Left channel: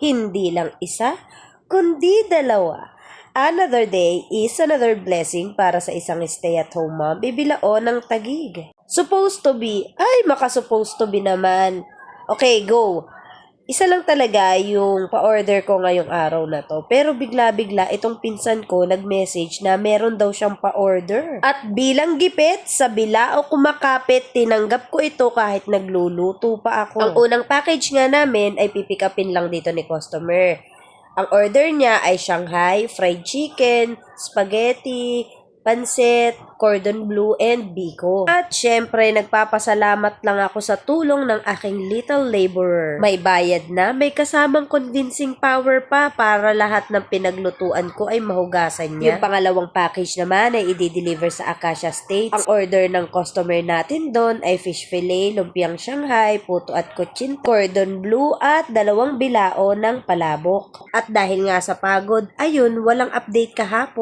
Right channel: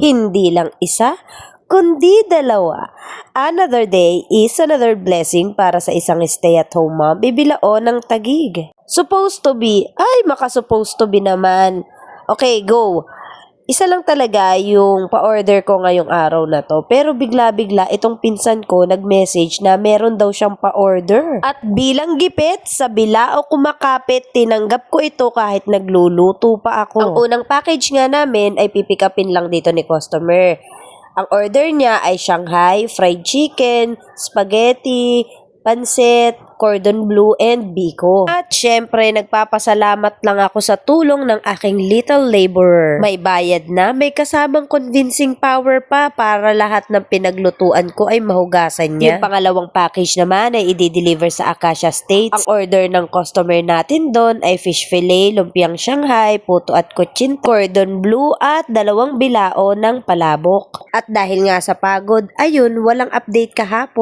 Hindi lang isa, kundi dalawa. Another day is another blessing para sa isang stay-at-home mom. Bibilao ng tagig. Supposed to be. Ay, maka-supposed to be naman. Okay, go. Isa lang talaga yung pa-order ko ngayong araw na to. Pero bigla-bigla itong pinsan ko nag-message na meron daw siyang pa-order. At bilang gipit, sa bilao kumakapit, tinanggap ko ito kahit nagluluto pa ako. Ang unang package nga namin ay pipikapin lang dito ni customer. Ang order niya ay Shanghai, fried chicken, spaghetti, pansit, cordon bleu, and biko. At syempre, nagpapasalamat lang ako sa tulong ng aking little laborer. May bayad na, may kasamang convincing power pa para lahat ng pinaglutuan ko ay mahugasan niya. Yung pangalawang package naman ay i-deliver sa Acacia States. Ang order ng customer natin doon ay fish fillet, lumpiang Shanghai, puto at kutsin, cordon bleu at dalawang bilao ng palabok. At dahil nga sa pagod, ayun, walang update kahapon.